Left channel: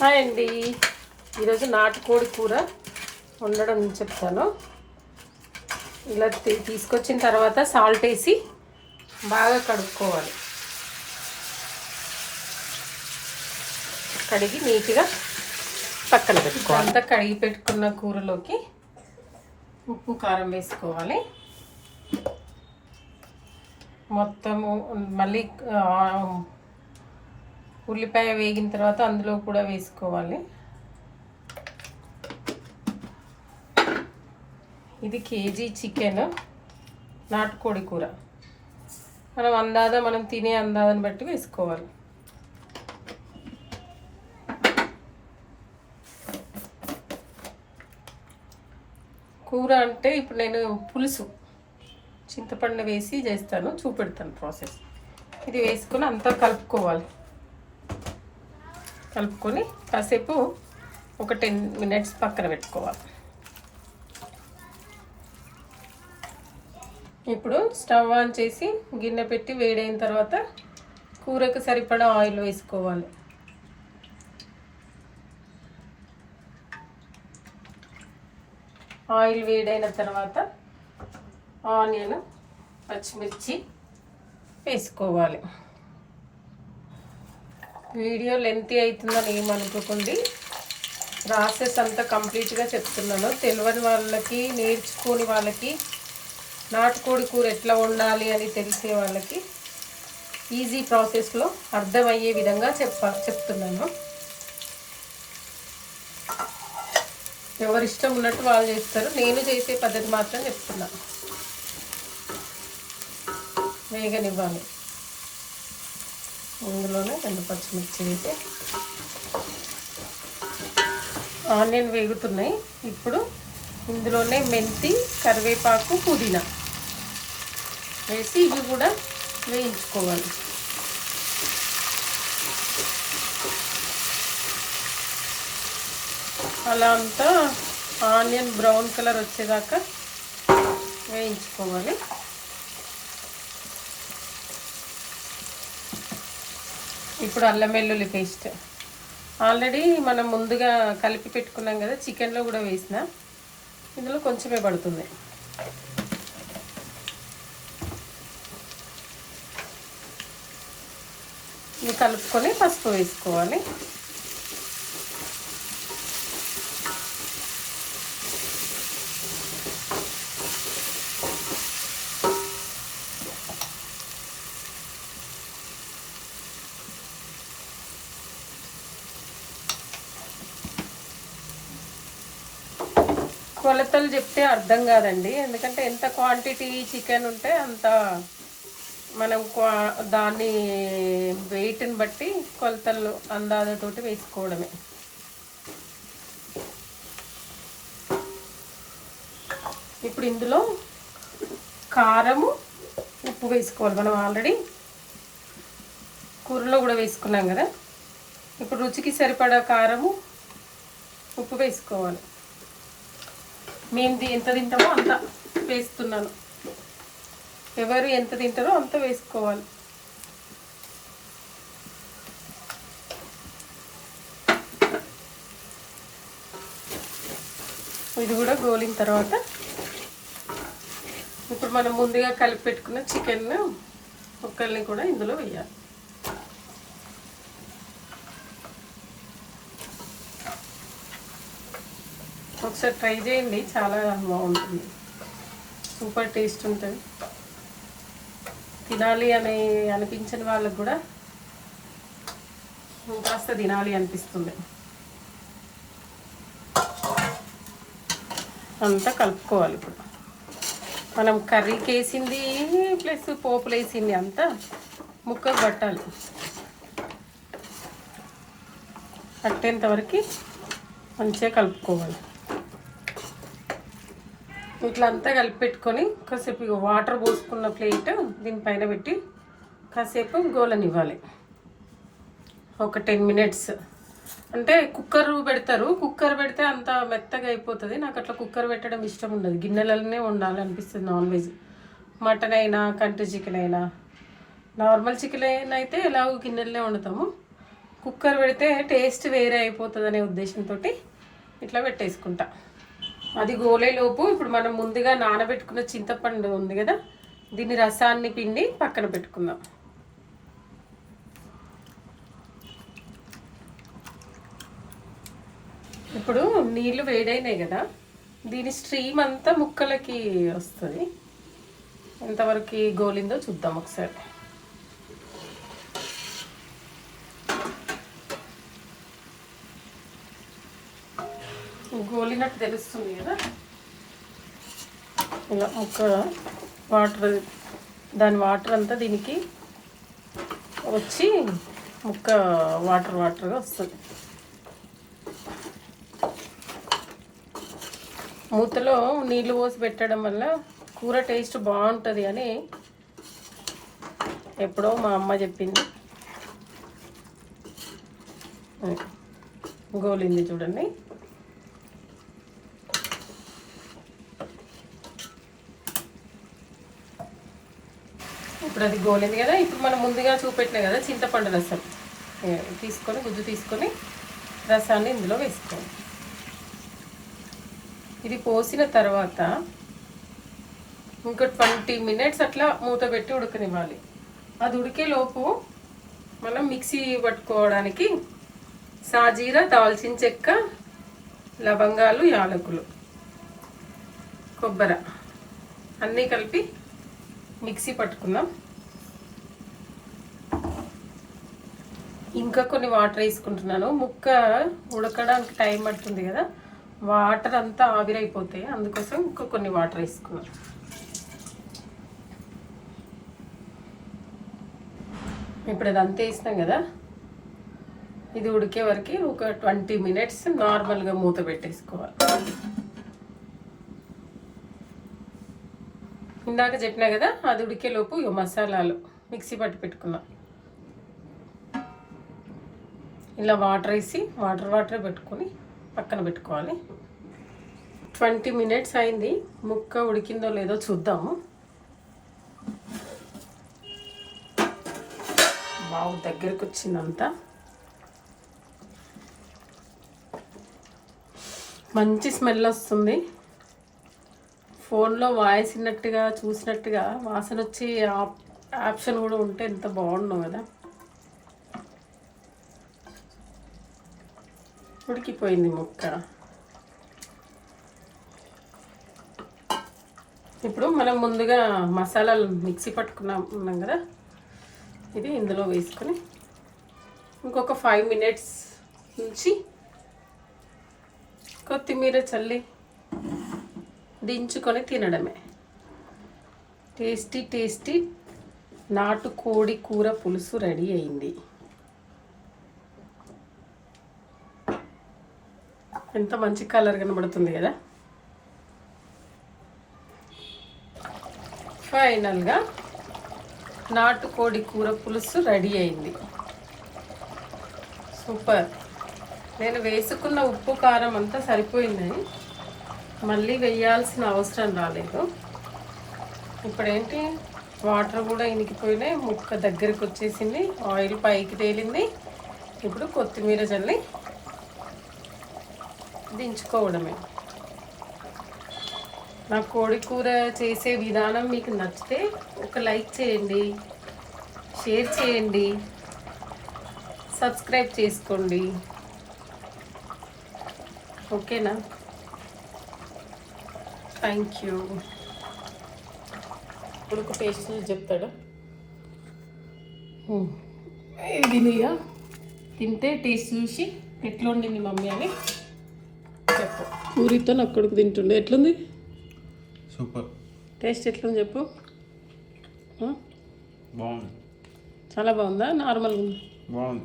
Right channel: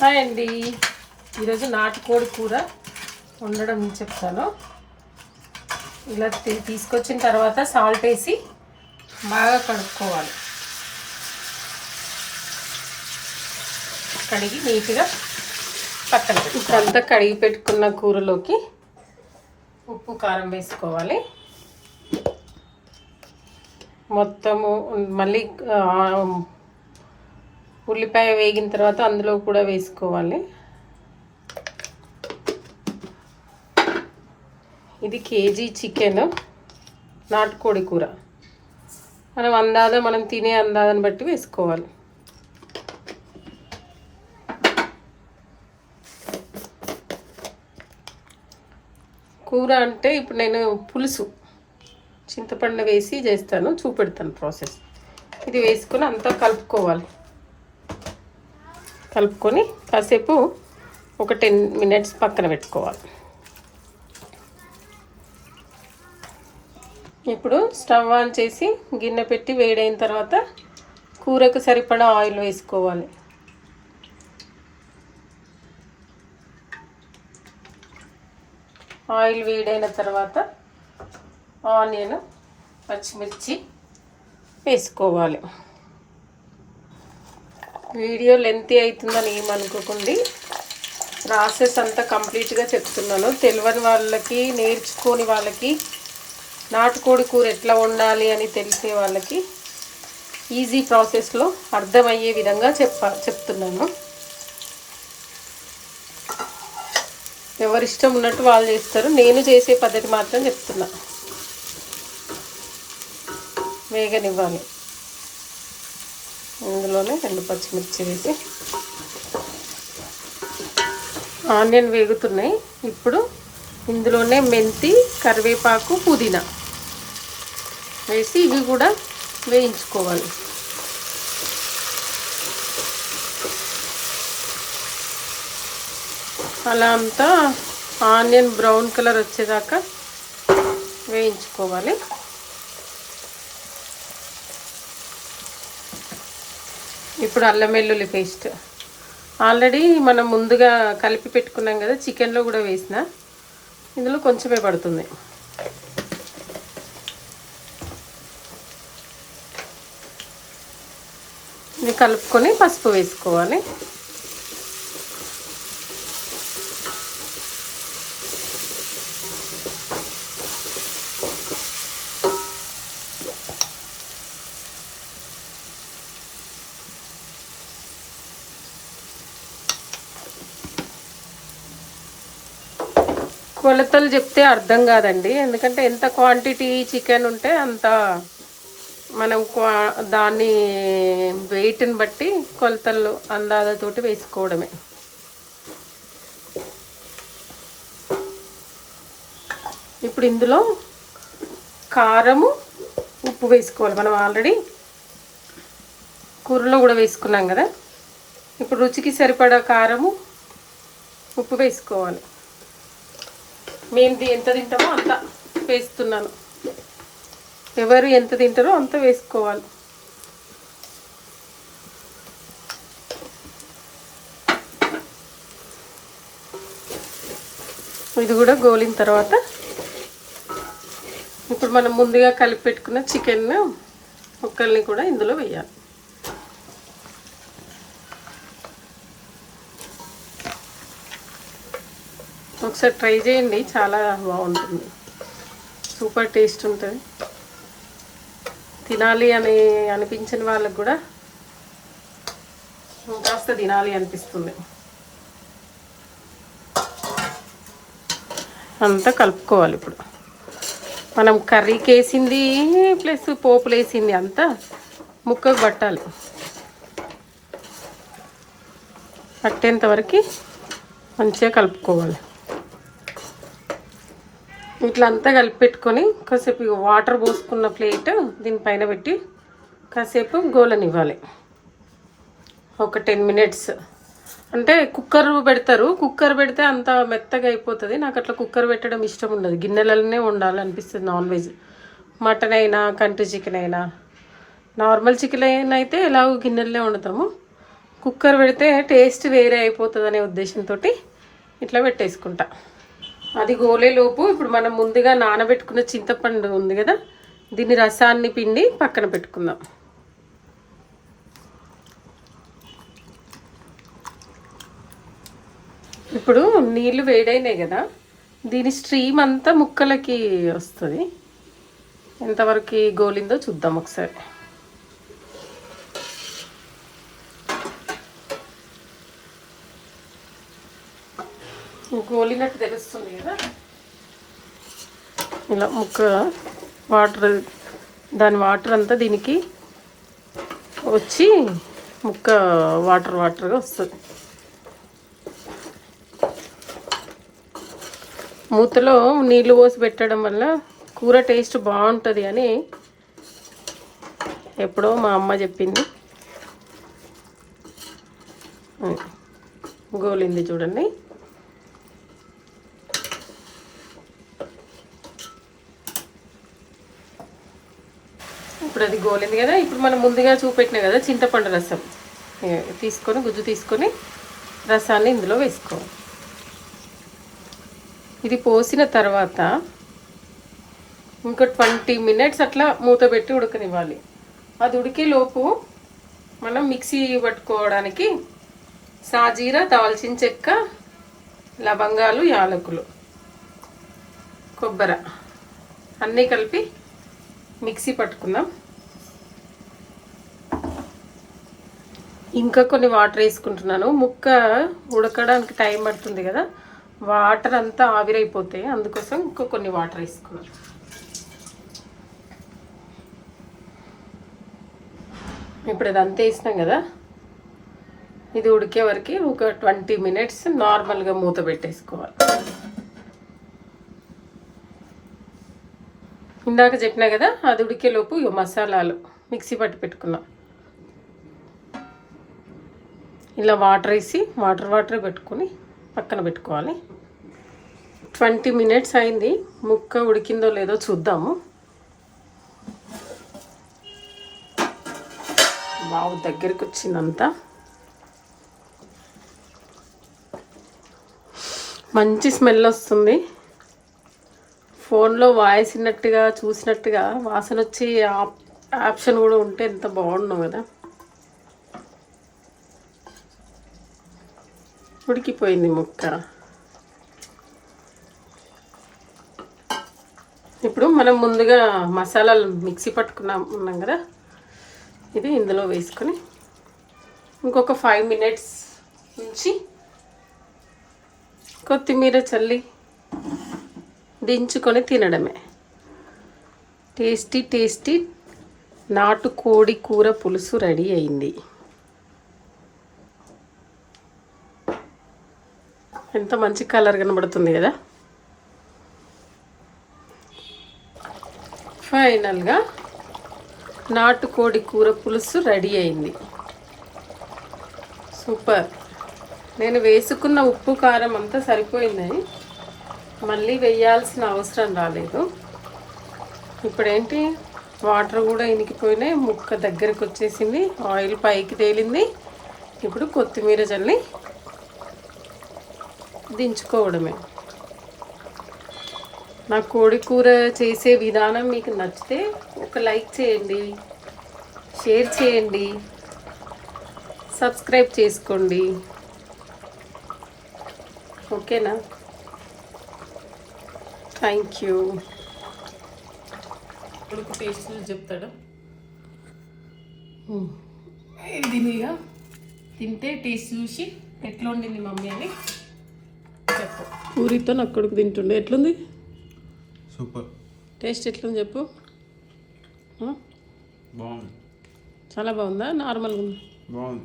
Hi అండి. ఈరోజు నాటుకోడి కూర వండడం చెప్తాను. ఇలా తీ- తీసుకొచ్చిన తర్వాత సాల్ట్ వేసి బాగా కడుక్కోవాలి. కడిగి నీట్గా పక్కన పెట్టుకోవాలి. అంతా కడిగి పెట్టుకున్న కూరలోకి ఉప్పు కారం వేసుకోవాలి. మొత్తము మళ్ళీ ఉల్లిపాయ వేగిన తర్వాత అందులో కూడా వేసుకోవాలి. ఇది కేజీ చికెన్ నాటుకోడి కూర. మనం అందాద మనం తినే అందాదని బట్టి వేసుకోవాలి. కూర అంటే ఇప్పుడు నేను పులుసు చింతపండు వేసి చేస్తాను చూపెడతాను ప్రాసెస్. ఇది వేసుకుని అంతా కలుపుకోవాలి. కలుపుకొని కాసేపు ఒక టెన్ మినిట్స్ పక్కన పెట్టుకోవాలి. ఇప్పుడు స్టవ్ ఆన్ చేసి గిన్నె పెట్టి వేడైన తర్వాత కూరకు సరిపడా ఆయిల్ వేసుకోవాలి. ఆయిల్ వేడైన తర్వాత ఆనియన్ పచ్చిమిర్చి వేసుకోవాలి. వీడియో లెంతీ అవుతుందని ఏమనుకోకండి ప్రాసెస్ అంతా కంప్లీట్గా చెప్తున్నాను. తెలియని వాళ్ళకి నేర్చుకోని వాళ్ళకి నాటుకోడి కూర ఎట్లా వండాలి అని తెలిసే వాళ్ళకి ఈజీ ప్రాసెస్లో అర్థమయ్యే విధంగా చెప్ప చెప్తున్నాను. ఎవరిష్టం ఉన్నట్టు వాళ్ళు చేస్తారు. నేను చేసే పద్ధతి మాత్రం చెప్తున్నా. వేగనివ్వాలి. ఇందులోనే రెండు పచ్చిమిర్చి వేసి ఆనియన్ వేగుతున్నాయి. ఇప్పుడు ఇందులోనే మెంతి కరివేపాకు పుదీనా వేసి ఇవి కూడా వేయించుకోవాలి. అలా అంతా ఆనియన్ బ్రౌన్ కలర్ వచ్చేదాకా వేయించుకోవాలి. ఇప్పుడు అల్లం వెల్లుల్లి పేస్ట్. ఆల్రెడీ మనం ముందుగా కలిపి పెట్టుకున్నాం కదా చికెన్లో కూడా వేసిన. ఇందులో కొంచెమే పడుతుంది. ఇది కలుపుకొని పసుపు వేసుకోవాలి. కొలతలు చెప్తే అర్థం కాదండి. ఎందుకంటే ఎంత క్వాంటిటీ చికెన్ ఉంటే అంత మనం క్వా- దాన్ని వెయిట్ని బట్టి కొలతలు అందాజతోటి వేసుకోవడమే. ఇప్పుడు ఇందులో కారము ఉప్పు వేసుకోవాలి. మనం ఆల్రెడీ కూరలో కూడా వేసుకున్నాం కదా. ఇప్పుడు రుచికి సరిపడా కారము ఉప్పు వేసుకోవాలి. మేము ఎంత తింటామో అంత వేస్తున్నాను. ఎవరు ఎంత తింటారో అంత వేసుకోవాలి. ఇది కూడా గోలిన తర్వాత ఇప్పుడు మనం ముందుగా కలిపి పెట్టుకున్న చికెన్ ముక్కల్ని కూడా ఇందులో వేయాలి. ఒకసారి ట్రై చేయండి చాలా బాగుంటుంది. సూపర్ టేస్ట్ ఉంటుంది. తినాలి అని అనిపించిన వాళ్ళకు కూడా కాస్త తినాలి అనిపిస్తుంది. అంతా కలుపుకోవాలి ఇప్పుడు. మనం కర్రీకి వేసింది ప్లస్ పోపులు వేసింది అంతా ముక్కకు పట్టాలి. పట్టేంత వరకు మంచిగా కలుపుకోవాలి. ఇట్లా అంతా కలిపి పెట్టుకొని కాసేపు వాటర్ పోసుకున్న ప్లేట్ దీనిపైన పెట్టి కాసేపు గోలనివ్వాలి. ఒక టెన్ మినిట్స్. అంటే కుక్కర్ పెడతారు కుక్కర్ పెడితే అంత మెత్తగా అయిపోతుంది. నాకు అట్లా కుక్కర్ పెట్టడం ఇష్టం ఉండదు. గిన్నెలలోనే వండాలనిపిస్తుంది నాన్ వెజ్. మటన్ అయినా కంట్రీ చికెన్ అయినా. నార్మల్ చికెన్ అయితే ఎలాగో గిన్నెలనే వండుతాము. కుక్కర్ పెడితే టేస్ట్ వేరే అయిపోతుంది అనే ఉద్దేశంతో ఇట్లా పెట్టేసుకుంటా. అది గోలేలోపు ఇప్పుడు మనం ముందుగా నానబెట్టుకున్న చింతపండు ఉంది కదా దీని రసాన్ని పిండి పక్కన పెట్టుకుందాం. ఇప్పుడు నీళ్ళు వేడైనాయి కదా దీని స్ట్రీమ్ అంతా ముక్కలకి వస్తుంది. ఎంతవరకు గోలిందో చూద్దాం ఒకసారి. గోలినట్టు తెలుస్తుంది కదా. ఇలా ముక్క వాటర్ దాని వాటర్ అంతా దీనికి వచ్చి ముక్క వాటర్ వాటర్గా వస్తుంది. మూతలో నీళ్ళు పోసి పెట్టడం వల్ల కూర టేస్ట్ బాగుంటుంది అని ఎప్పుడో మా అమ్మ చెప్పింది. గోలింది చూడండి. అది గోలింది కదా. ఇప్పుడు మనం ముందుగా చూపెట్టిన కదా చింతపండు రసం. తీసుకొని గుజ్జు తీసుకొని రసాన్ని ఇందులో వేసుకోవాలి. ఇది పోసిన తర్వాత ఇంకో ట్వంటీ మినిట్స్ అట్లా మూత పెట్టి ఉడకనివ్వాలి. అది ఉడికే లోపు మనం మిక్సీ పట్టుకోవడానికి సాజీర దాల్చిన చెక్క లవంగాలు యాలకులు కొబ్బరి అన్నీ కలిపి మిక్సీ పట్టుకుందాం. ఇంకా కొన్ని వాటర్ వేసుకుంటున్నాను. ముక్క ఉడకడానికి టైం పడుతుంది కదా. వాటర్ అంతా ఆవిరైపోతాయి. అందుకోసం ఇంకా కొన్ని వాటర్ వేసుకున్నాను. ఇప్పుడు ఇదంతా వేసినాం కదా. ఇది ఉడికే వరకు ఒక ట్వంటీ మినిట్స్ నార్మల్గా మూత పెట్టేసుకోవాలి. ఇందాక చెప్పినా కదా అది ఉడికేలోపు మసాలాలు మిక్సీ పట్టి పెట్టుకున్నాం. ఇలా వాటర్ వేసి వాటర్ వాటర్ పెట్టుకొని పక్కన పెట్టుకోవాలి. ట్వంటీ మినిట్స్ అయింది. ముక్క ఉడికిందో లేదో చూద్దాము. బావు దగ్గరికి వచ్చిందంతా. మంచి స్మెల్ వస్తుంది. ఫోన్లో వాయిస్ విన్నట్టుగా చూసినట్టుగా వాసన వచ్చి ఆప్- ఆప్షన్ కూడా ఉంటే ఎంత బాగుండు కదా. ఉడికిపోయింది ముక్క. ఇప్పుడు మనం ముందుగా మసాలాలు మిక్సీ పట్టుకున్నాం ఉన్నాం కదా? ఇది ఇందులో వేసుకొని ఇంకొక ఫైవ్ మినిట్స్ ఉంచి కొత్తిమీర చల్లి దించుకొని తినడమే. టేస్టీ టేస్టీ నాటు కోడి కూర పులుసు రెడీ అయింది. ఎంత మంచి కలర్ కనబడుతుంది కదా. ఫైనల్గా నాటుకోడి కూర పులుసు రెడీ అయింది. సూపర్ నేను వేసుకున్న ఉప్పు కారం అంతా సరిపోయినాయి మళ్ళీ వేయాల్సిన అవసరం రాలేదు. ఇప్పుడేంటి? వాటర్ కూడా ఇనికిపోయినాయి. ముక్క దగ్గరకు వచ్చేసింది. ఆయిల్ పైకి తేలింది. ఇప్పుడు కొత్తిమీర చల్లి దించుకోవడమే. నా కోడి కూర చేసే విధానం మీకు నచ్చితే ఒక లైక్ చేయండి షేర్ చేయండి సబ్స్క్రైబ్ చేసుకోండి. ఓకేనా? Thank you. కొడుకు టేస్ట్ చెప్తాడా. ఇది తింటే టేస్ట్ చూసి ఎట్లా వండింది మమ్మీ అని? పూరితో నా కొడుకు తింటుండే. ఎట్లుంది? సూపర్. టేస్ట్ ఎట్లుంది చెప్పు? బాగుంది. చాలా బాగుందా? నార్మల్గా ఉందా? బాగుంది.